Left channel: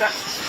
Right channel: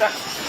လ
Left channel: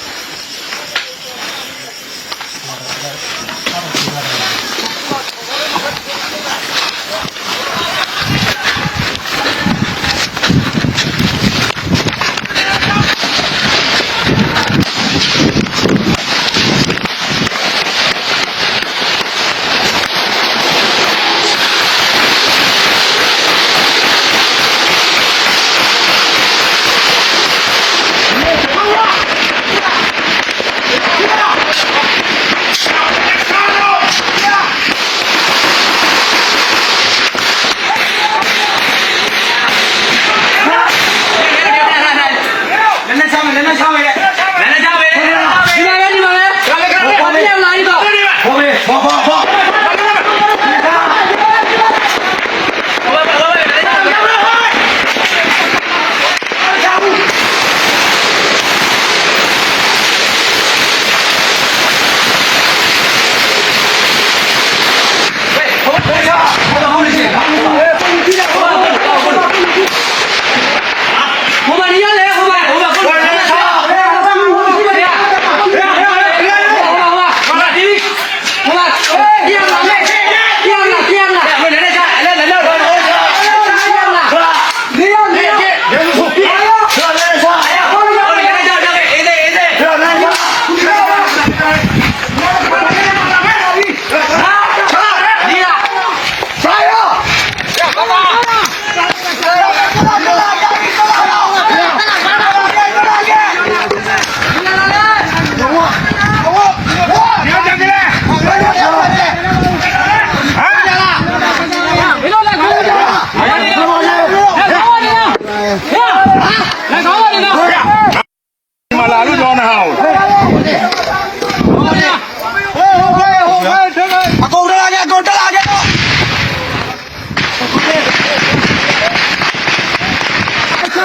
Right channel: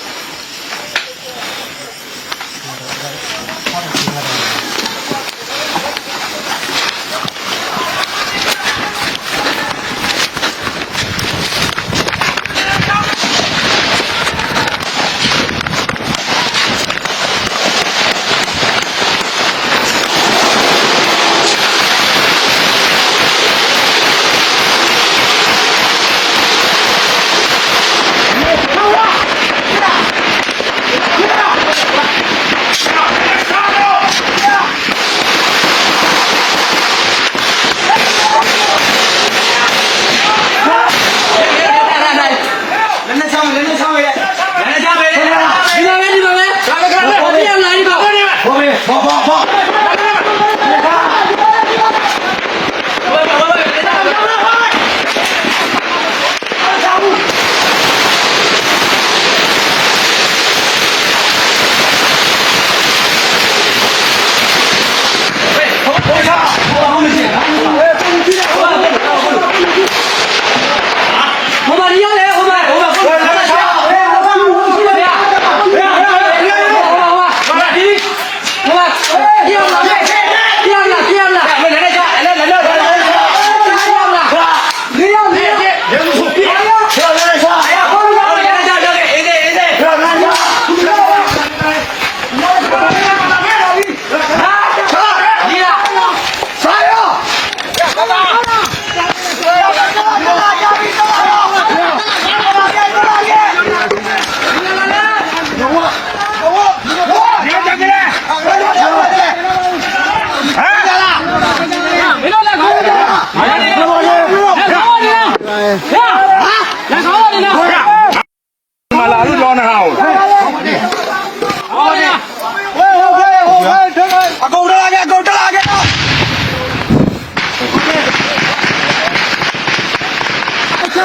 ဘောမေဘော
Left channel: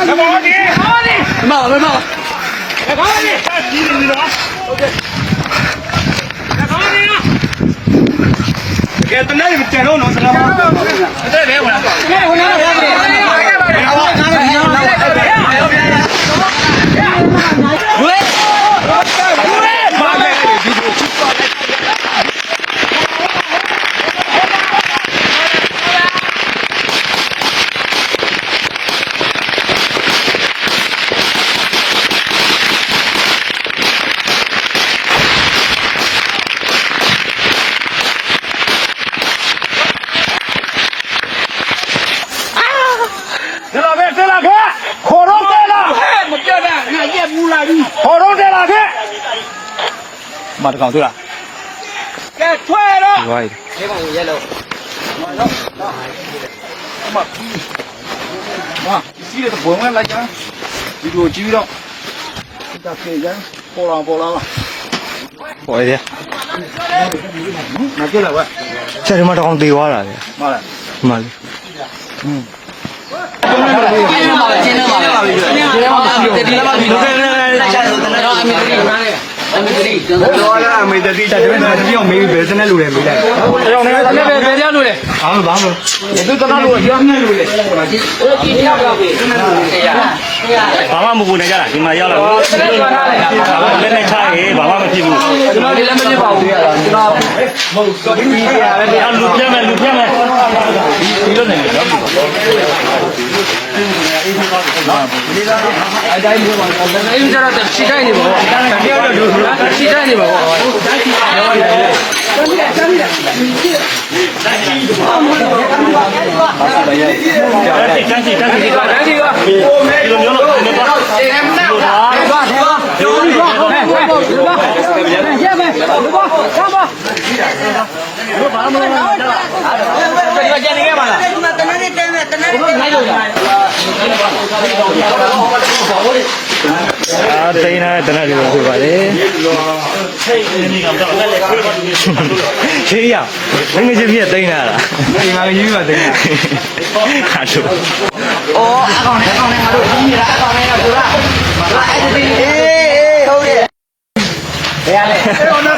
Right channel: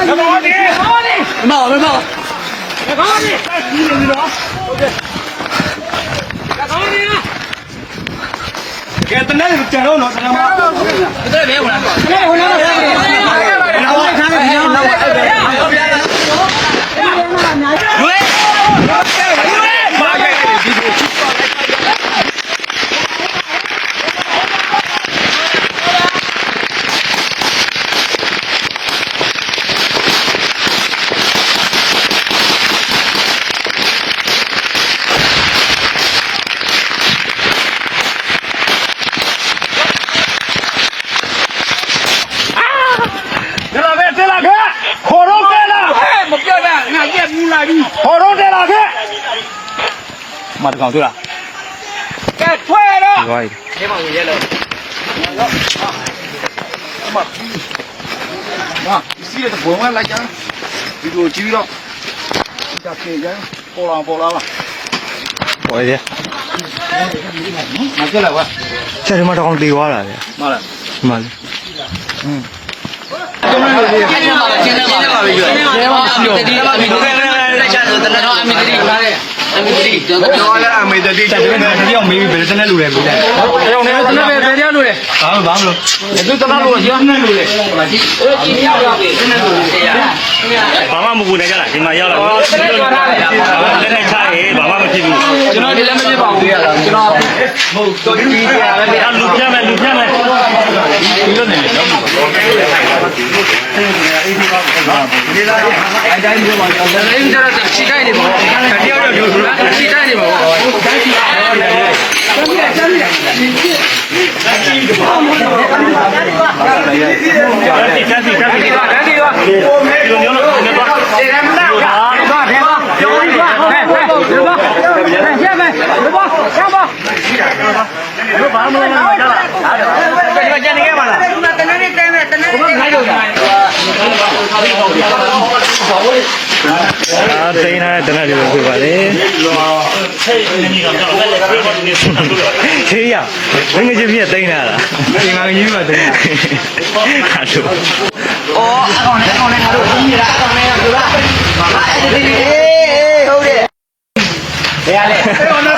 ။မော်ဒီမော်ဒီမော်လို့နော်။မော်ဒီဒီနေနော်။ဟုတ်ကဲ့။မော်ဒီကဲတနေ့ကြံတော့နော်။အဲ့ဒါလည်းဟုတ်လား။အဲ့ဒါဟိုနားတော့ဟုတ်တယ်။ဘယ်လိုလဲ။ဘယ်လိုလဲ။ဘယ်လိုလဲ။ ရက်ဘူးလာပြီခေါ်တော့တက်လာခဲ့မတကောင်တွေ့လားကဲထွဲတော့ရွားဟာစီးတဲ့ဘုံကလိုက်ကြဒီလိုကြည့်တော့ဒါပြေးကြပေါ်လာပေါ်လာလားပေါ်ရမကြည့်လားကွာဆက်ဒီမှာတော့တေသွားတာလေဟုတ်လားဒီမှာလေအဲ့ဒီမှာကျင်းနေပါလေကျင်းနေပါလေတတိယပါဒီလိုလိုက်ချင်တယ်တနော်အမေတတိအမေတတိ ကျွန်တော်တော့ရအမေတတိချက်ပြီးတော့ပြောမေးဘယ်စနဲ့လူလဲမေးလိုက်အဲ့တော့လည်း ဒီပဲပြန်ရ လို့လေဘာလို့ဘာလို့ဒီကတော့လို့ပြောနေလို့လေဟိုမှာကြည့်အေးဒီရောက်တော့ဒီနေ့လို့ရဘာမှမပူနေကြတာဒီမှာရောက်တော့လက်နဲ့ချရေးဘာမှမဖြစ်ဘူးကျွန်တော်ဒီလည်းမဖြစ်ပါဘူးရတာကျွန်တော်လူပြမယ်လူပြမယ်ဒီလိုနေတော့အတိုင်းပြောပါတော့လည်းကျတော့ခြေတိုင်းနေပါခြေတိုင်းနေပါဒီတန်းစီတန်းစီဒီလိုမျိုးလို့နေပါ အာတိန်းထားတဲ့တနက်လေးကိုပြပါလေ ခေးရငငယ်ချင်းပြည့်တိန်းထားတာဒီမှာကြီးမှာတော့ခါချိုတော့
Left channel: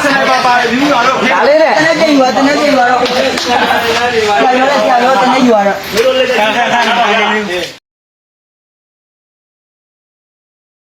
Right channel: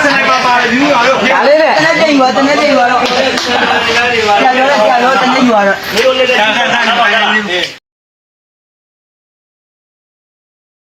စနေပါပါယူရတော့ပြလေးတဲ့တနေ့တိတ်ပါတနေ့တိတ်ပါတော့ပြန်တော့ပြန်တော့တနေ့ယူရတော့ဒီလိုလေး